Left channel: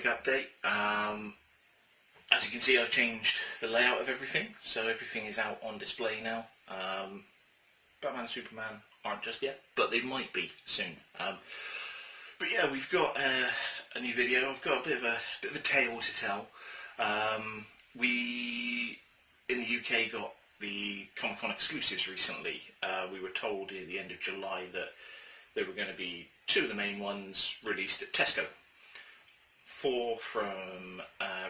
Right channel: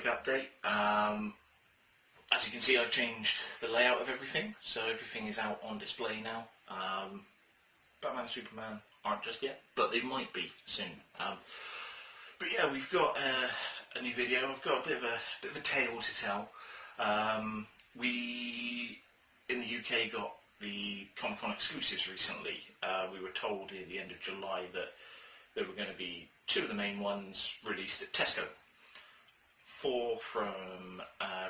quick update. As you can see, I've changed the layout of everything, so everything is out on display now. Batman and Superman aren't just yet, but they might be soon. But yeah, we've got a new video. I've got a bit of a tale to tell. We in the UK got the Comic-Con exclusives recently. We were told at the end of July that there were going to be 2 of the main ones released at Tesco. 4 from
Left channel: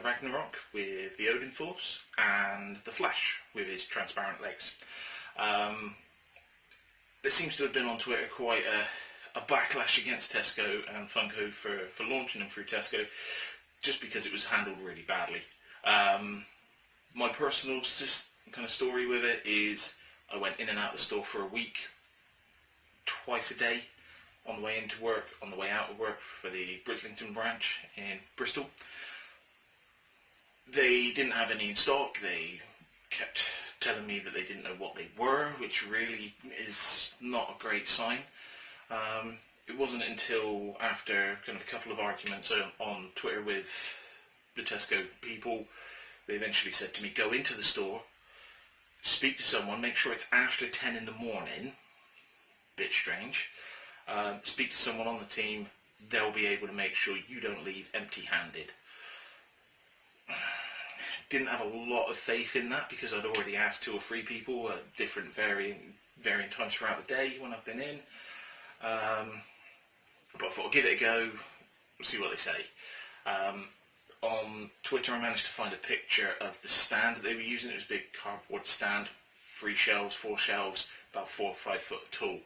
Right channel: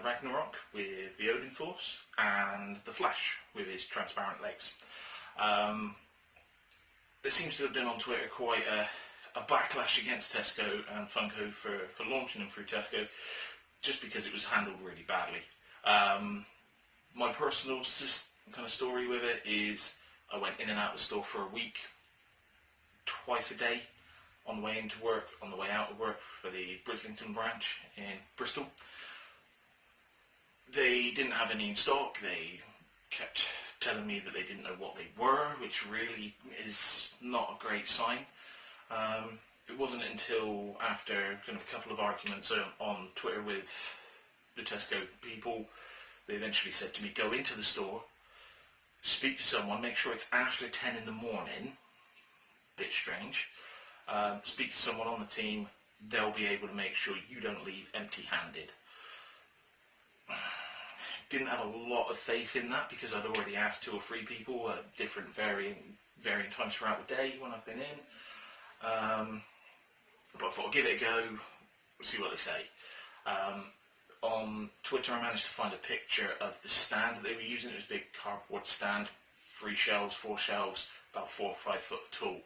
Ragnarok with the Odin Force, and the Flash with his transparent legs. There seems to have been on Twitter quite a backlash against Tesco and Funko for launching them through Tesco, just because it was handled really badly. My personal kind of story with it is I went in and out of the store for a week, twice a day, on the way into work, on the way out of work for the Brislington branch in Bristol. They didn't have any in stock. They kept telling me that they didn't know what they were, which really is not a great sign. It wasn't until after kind of a couple of arguments on Twitter with the Tesco people, they eventually said to me, go into the store, speak to someone, make sure it's after 10 in the morning, bit strange, speak to someone on the team, they'll be able to make sure you don't leave empty-handed. Didn't have a lot of faith in that because I'd already asked 2 or 3 people at different varying times throughout the day when I've been in. But I thought I'd give it a go, see what they say. On Twitter I managed to find a picture of the stand that they were using. It was a big cardboard stand, 3 shelves, 4 shelves, about 4 or 5 foot tall.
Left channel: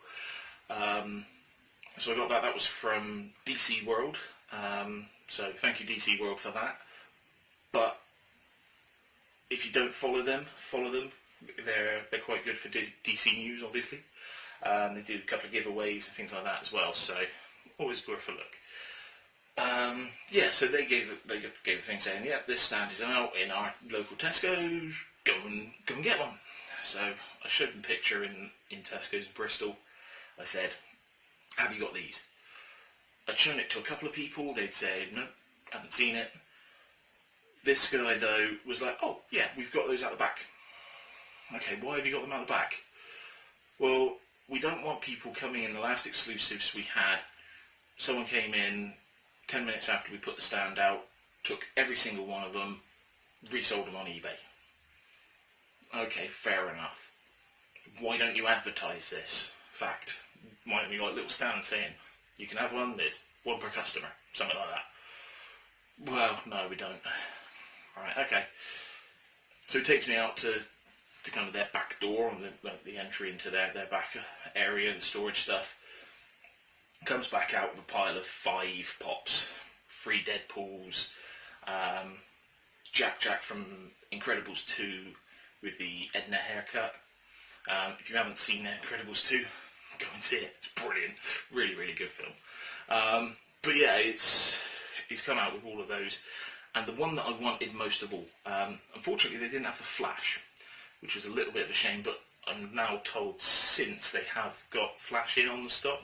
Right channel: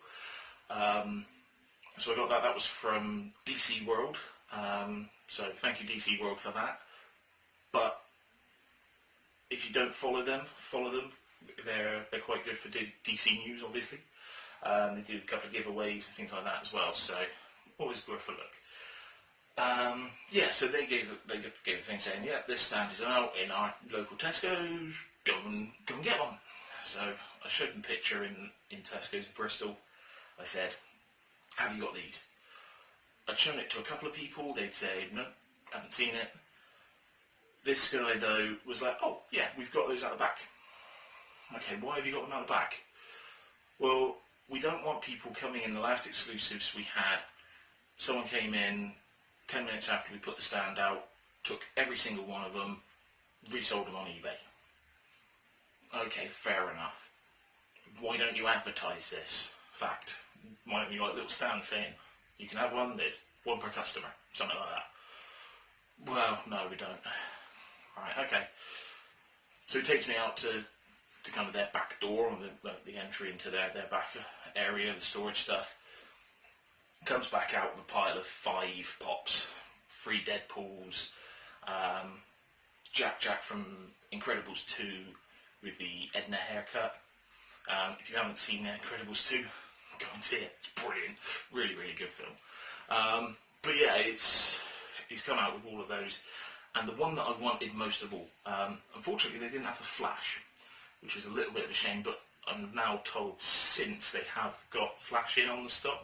So I got that. That was from DC World. So thank you DC World for that. But if you don't follow them. They're quite good for DC news, obviously. They do a couple of giveaways and things like that as well. So always worth a look. Yeah, so they gave a thing saying, yeah, this stand is out in our local Tesco. Go and get one. So I showed them a picture in Tesco's Bristol. I said, have you got these? I'd shown it to a couple of people. They'd say, no, haven't seen it. This guy though was like, oh yeah, we've got those out the back. Okay, why have you got them out the back? Well, we don't want people coming in. The last exclusives we had, someone came in 10 minutes after we put the stand out, took every single one of them, resold them on eBay. Okay, fair enough. Why don't you advertise this fact? Why don't you like a little stand saying, you can have one, there's 1 per customer, something like that? Well, no, we don't. Alright, okay. So it takes me out to kind of their back door, and the entry into their back area, the storage stuff. Comes back out with a pile of 5 pops, 3 Deadpools, Jack from Incredibles 2 with the Edna haircut. If you haven't seen Incredibles 2, go and see it. It's brilliant. Really, really good film. But yeah, he's come out with all of those. And the one that I wanted most of all, unfortunately they didn't have the Flash, which was a little bit of a shame, but I'm now told since they have got Flash in on the stock,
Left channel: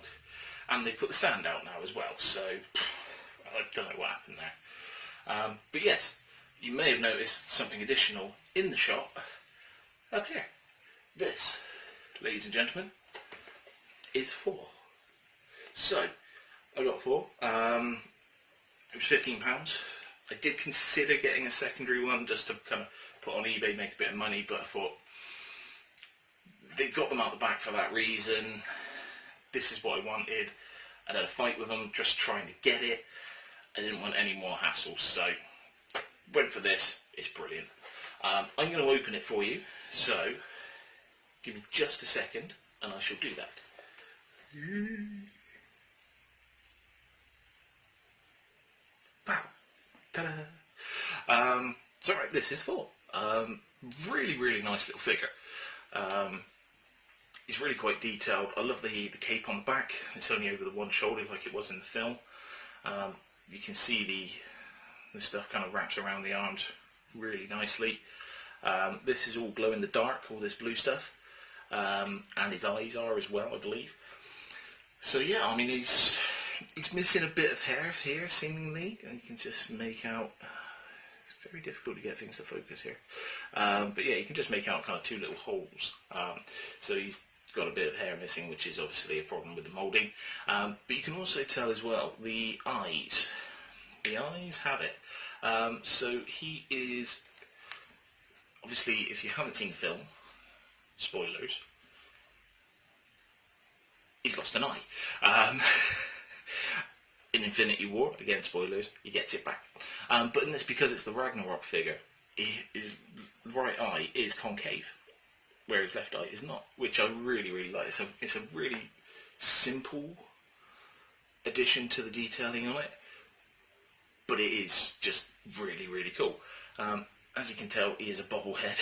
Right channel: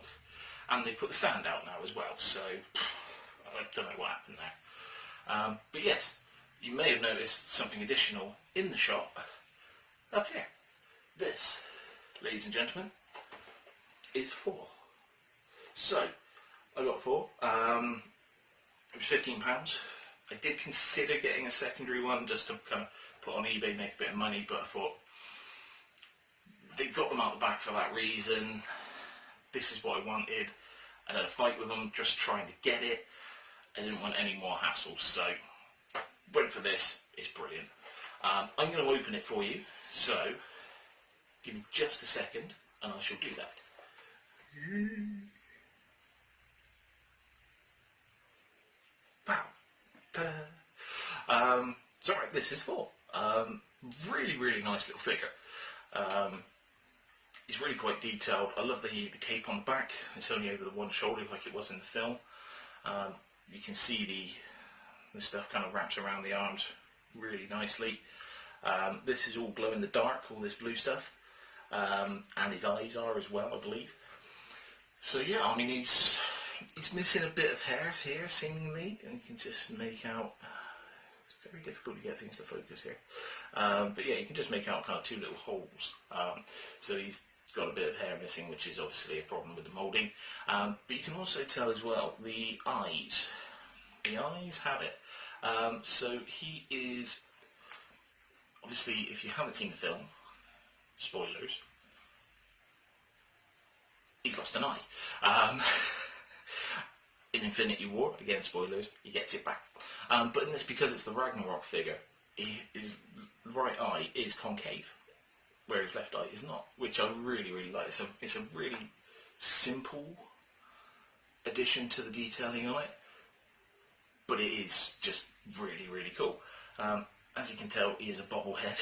and they've put the stand out now as well, so I don't know what happened there. But yes, you may have noticed something additional in the shop up here. This, ladies and gentlemen, is 4. So, I got 4. It was £15. I did consider getting a secondary one just to kind of put on eBay, make a bit of money, but I thought they got them out the back for that reason. This is what I wanted. I had a fight with them just trying to get it. I didn't want any more hassles, so went for this. It's brilliant. I'm going to open it for you, so give me just a second and I shall do that. Wow. Ta-da. So right, this is 4. Really, really nice little figure. It's really quite detailed. I love the cape on the back. It's only over the one shoulder like it was in the film. You can see the stuff kind of wraps around the arms really nicely. This is all glow in the dark, all this blue stuff. And his eyes are as well, I believe. So yeah, I mean, he's He's missing a bit of hair here, seemingly, and you can just make out. It's very difficult to get things to focus here, but yeah, you can just make out kind of two little holes. So he's got a bit of hair missing, which is obviously a problem with the moulding. But you can also tell as well the eyes. The eyes have it. So he is obviously, if you haven't seen the film, spoilers. He's lost an eye. In Infinity War, again spoilers, he gets it back. But in this, because it's the Ragnarok figure, his right eye is concave, where his left eye is not, which I really, really like. It's a really simple addition to the detailing on it, but it is just really, really cool. As you can tell, he is a bobblehead,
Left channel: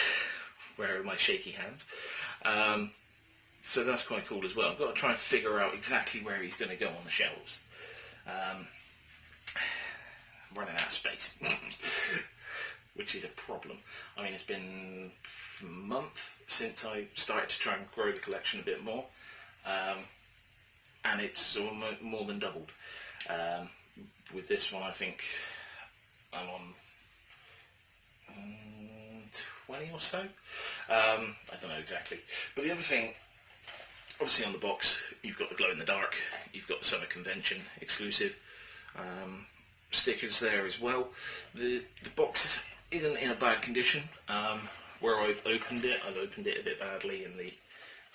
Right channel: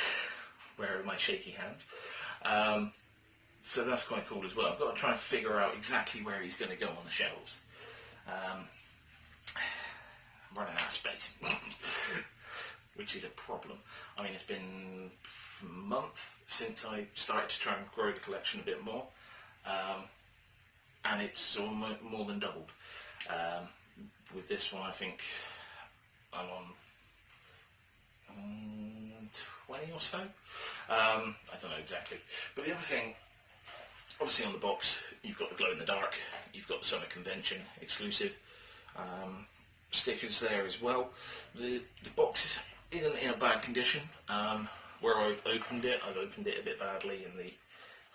wearing my shaky hands. So that's quite cool as well. I've got to try and figure out exactly where he's going to go on the shelves. I'm running out of space, which is a problem. I mean, it's been a month since I started to try and grow the collection a bit more, and it's almost more than doubled. With this one, I think I'm on 20 or so. I don't know exactly. But the other thing, obviously on the box, you've got the glow in the dark, you've got the summer convention exclusive stickers there as well. The box isn't in a bad condition. Where I've opened it a bit badly, and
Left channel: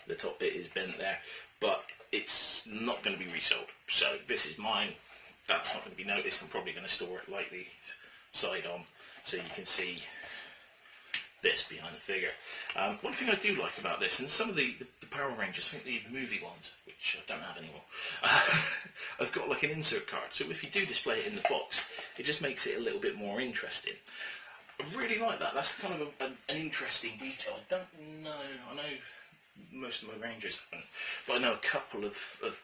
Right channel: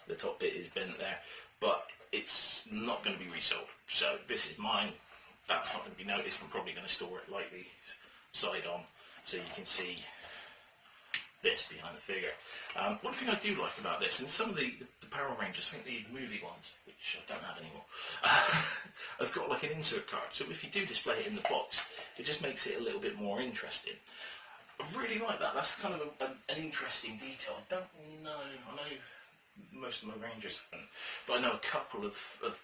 the top bit is bent there, but it's not going to be resold. So this is mine. That's not going to be noticed. I'm probably going to store it lightly side on, so you can see this behind the figure. One thing I do like about this, and some of the Power Rangers, I think the movie ones, which I don't have anymore, I've got like an insert card, so if you do display it in the box, it just makes it a little bit more interesting. I really like that. That's kind of an interesting detail. I don't know, I know most of my Rangers haven't, but I know a couple of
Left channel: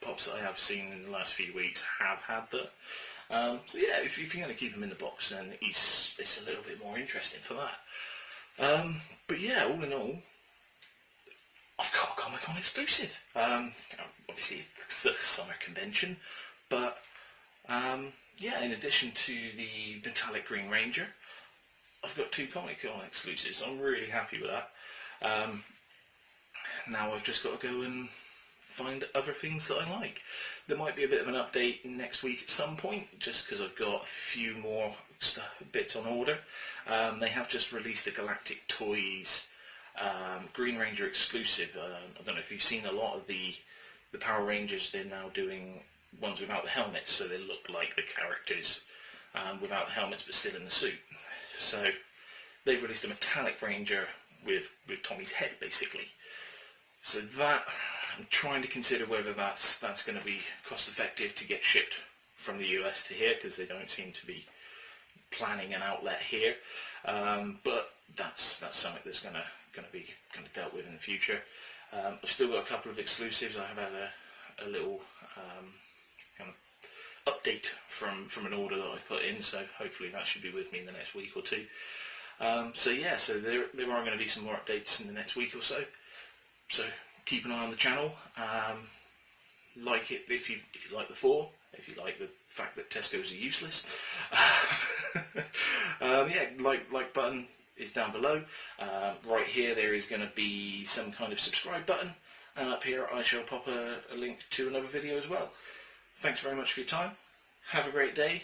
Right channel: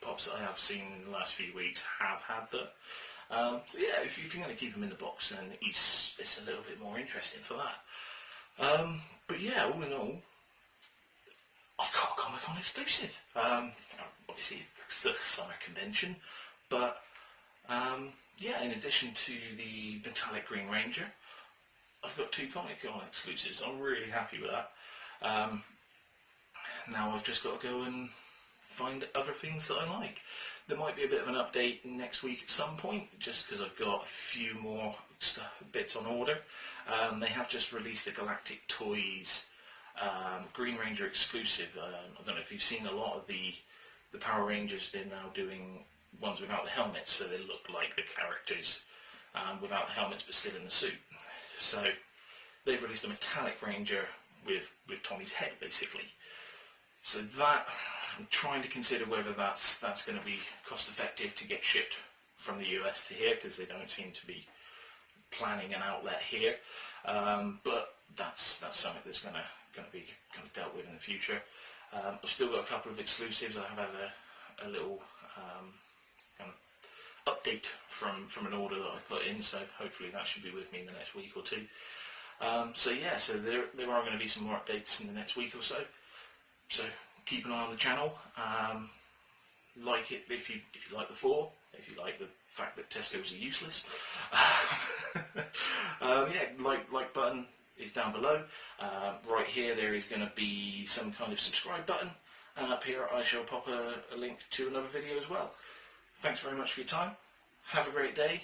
pops that I have seen in the last few weeks have had that. So yeah, if you're going to keep them in the box, then it's a little bit more interesting for that. But yeah, all in all, I've got a Comic-Con exclusive. Obviously, it's the summer convention, but yeah, in addition to the Metallic Green Ranger, I've got 2 Comic-Con exclusives. I'm really happy with that. Now I've just got to go and find other things that I like. There might be a bit of an update next week at some point, just because I've got a few more bits on order. They have just released a Galactic Toys Green Ranger exclusive. I don't know if you've seen a lot of the Power Rangers. They're now doing ones without the helmets, so they look like the characters without the helmets but still in the suit. So they've released a metallic Ranger with Tommy's head, basically. So that, I'm trying to consider whether that's going to be cost effective to get shipped from the US to here, because they don't seem to be planning an outlet here. But that's something that's going to be kind of dealt with in the future. I've still got a couple of exclusives. I have had a little kind of update from an order that I put in, so hopefully that should be with me in the next week or two. So yeah, so there are going to be some more updates in the next week or so. So keep an eye on the channel. Like it if you like the 4, if you like the fact that Tesco's are useless. Yeah, like button is down below. Right here there is going to be some kind of subscribe button, and up here I shall pop a link to another video as well. Thanks very much for your time. Have a great day.